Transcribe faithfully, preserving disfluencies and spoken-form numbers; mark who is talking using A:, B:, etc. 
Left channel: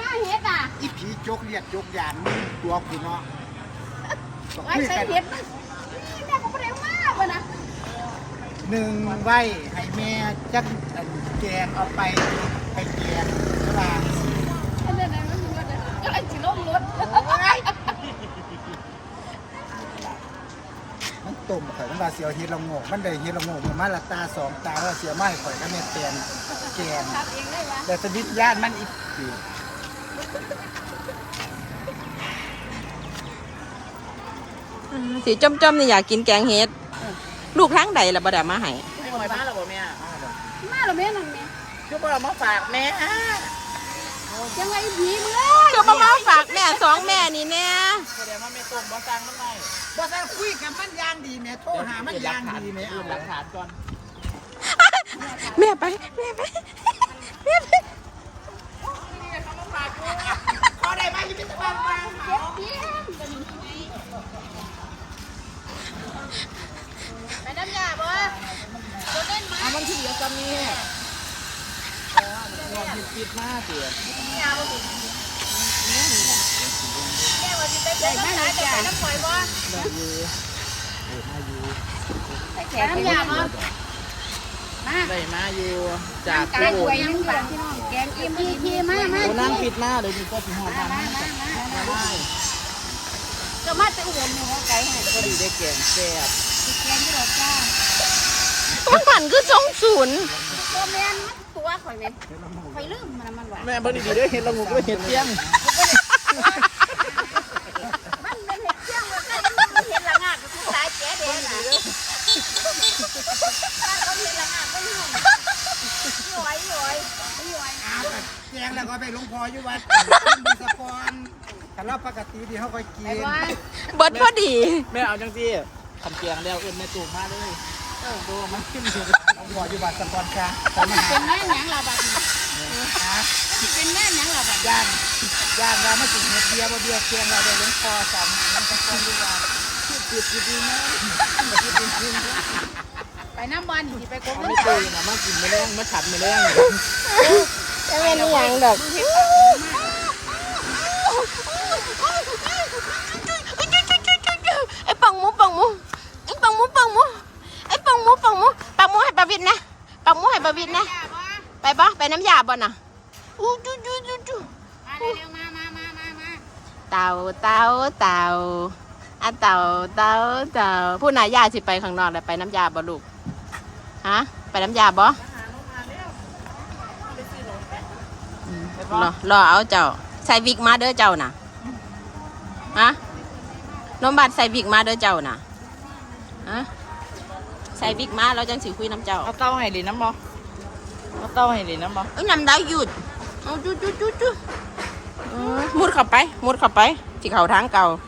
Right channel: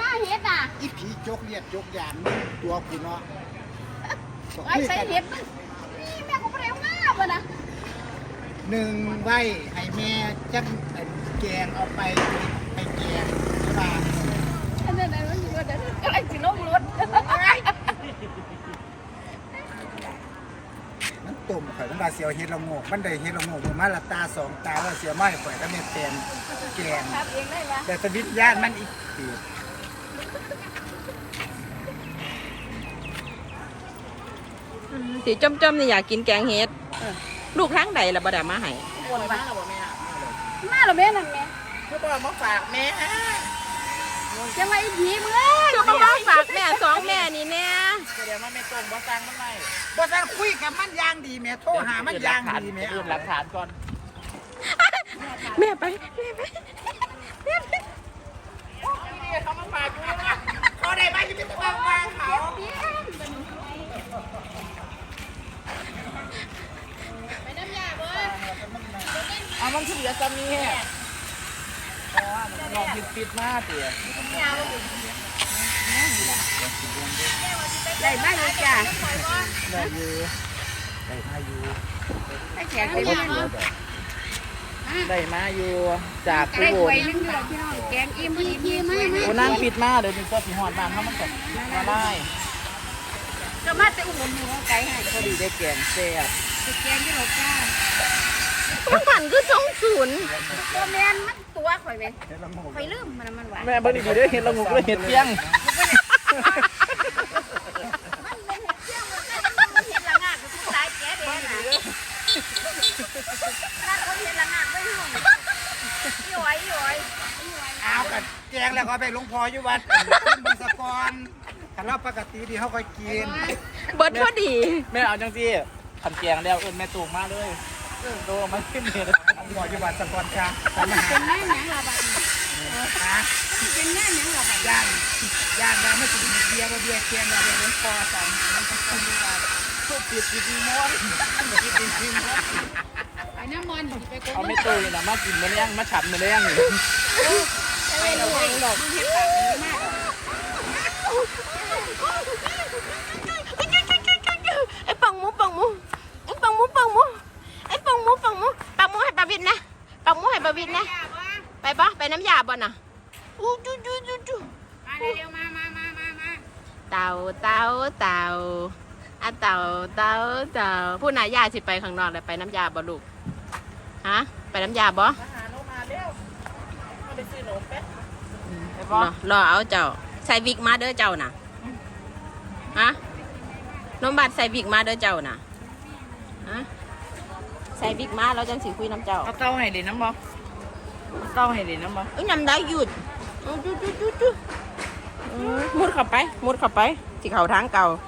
A: มาเฮ็ดอ่ะ
B: อีผีจกเลียดจกยานมึงตัวกูเนาะ
A: ไว้ใส่เฮ็ดมันนี่แม่ก็บ่ได้มาบ่นะ
B: หนึ่งไว้ให้แม่จักแกงเอาไปให้แกงใช่ป่ะ
A: อันนั้นน่ะมันสิว่าเดี๋ยวก็เลยสิลงรถ
B: มันตุ่มข่อยมันว่าเสียวเฮ็ดละโงกมันได้เฮ็ดละโงกมันมาละตาสองตาแล้วเสียไม้ข่อยก็แม่แตนแกง
A: ครับเองได้ป่ะ
B: แต่สวิตญาณมันอีกคือ
C: สีจอมๆนี่อยากกินแกงเฮ็ดลูกทั้งใดล่ะบ่ได้มาให้
A: มาแล้วบ่แม่มาแล้วแม่นั่นแม่
B: คือบ่มาฝากแม่
A: จะมาอีผีมึงเอ้ย
C: คือบ่มาฝากแม่สองแม่นี่แน่
D: แสดงว่าแม่ตรงบ่สั่งมันไม่
B: บ่สั่งคุยกับมันอย่างดีแม่โทรหามันอย่างดีแม่เอา
D: หลักฐานก่อน
C: แม่ไปแม่ไปแม่ไป
D: นี่เขามาฝากกู
B: ขอได้ไหมอยู่ที่บ้านไปเขา
A: ไปน้ำยาบ่
D: อันนั้นที่เหลือจะมีปิดมาสิ
A: ได้มาเลยจ้ะ
B: ได้อยู่ได้มาอยู่
A: ได้แขกไปเลย
D: ได้มาอยู่จาก
A: ได้หวยนึงอยู่พี่น้องแกงอิ่มอีพีมามา
D: นั่งปิดมาเดี๋ยวดูก็สิหอดบ้านเขามันกับได้
A: ก็มาแต่อุบลหมู่ไกลให้
D: พอดีได้แกงแซ่บ
A: แกงที่เราจ้า
C: มันผันคือสองศูนย์
A: ตัวแมนมันตัวข่อยเลยข่อยลืมมันมันหวาน
D: แม่พอดีได้เห็นละงูก็เห็นเที่ยง
A: มันเป็นเห็ดเที่ยงมันเห็ดละงาดมันสายแก่เด็กบ้านเขาเห็ดละงาดไม่ห่วงย่อยย่อย
B: เอากันแกงแล้วก็ไปหลวงพ่ออยู่วัดบุญสกรแต่เราปกติที่เขาก็กิน
C: เบิดพอดี
D: แม่เอาจังสิทำแกงแล้วอุ้มแม่ตูมาเลยเออโตมันขึ้นเลย
B: หลวงพ่ออยู่วัดสกรค่ะ
A: เป็นแม่หนังเราบัด
B: ฮะ
A: เป็นแม่หนังเราบัด
B: ย่างย่างเราไม่ถึงเห็ดเบียร์บ่เบียร์แกงเราไปหลวงพ่อสั่งมันสกรอยู่วัด
D: ทุกจิตจิตดีม้วนจิตดีจริงม้วน
A: ไปน้ำมันไปโกง
D: ไม่ตื่นมากินแมลงมาขับแมลง
C: จะไม่นี่ยังดอกไอ้ปังหมูปังหมูไอ้ปังหมูปังหมูไอ้ปังหมูปังหมูปังหมูให้ปลาวินนะปังหมูให้ปลาวินนะไปปะไปน้ำยาบ่น่ะอู้จูจูจูจูเต่าเต่าเต่าอ่ะเต่าเต่าเต่าผู้นายยาสิไปข้างนอกเลยไปน้ำยาบ่ลูกฮะไปน้ำยาบ่รอรอเอาเจ้าใส่วิกมาเด้อเจ้าน่ะฮะน้องบัดใส่วิกมาเด้อเจ้าน่ะฮะใส่วิกมาเราจังสิคุยน้ำเจ้า
D: เอาเต้าให้เลยน้ำบ่เอาเต้าให้เลยน้ำบ่
C: เอ้ยน้ำได้หยุดจุ๊จุ๊จุ๊จุ๊มุดเข้าไปมุดเข้าไปสิเข้าทางเก่า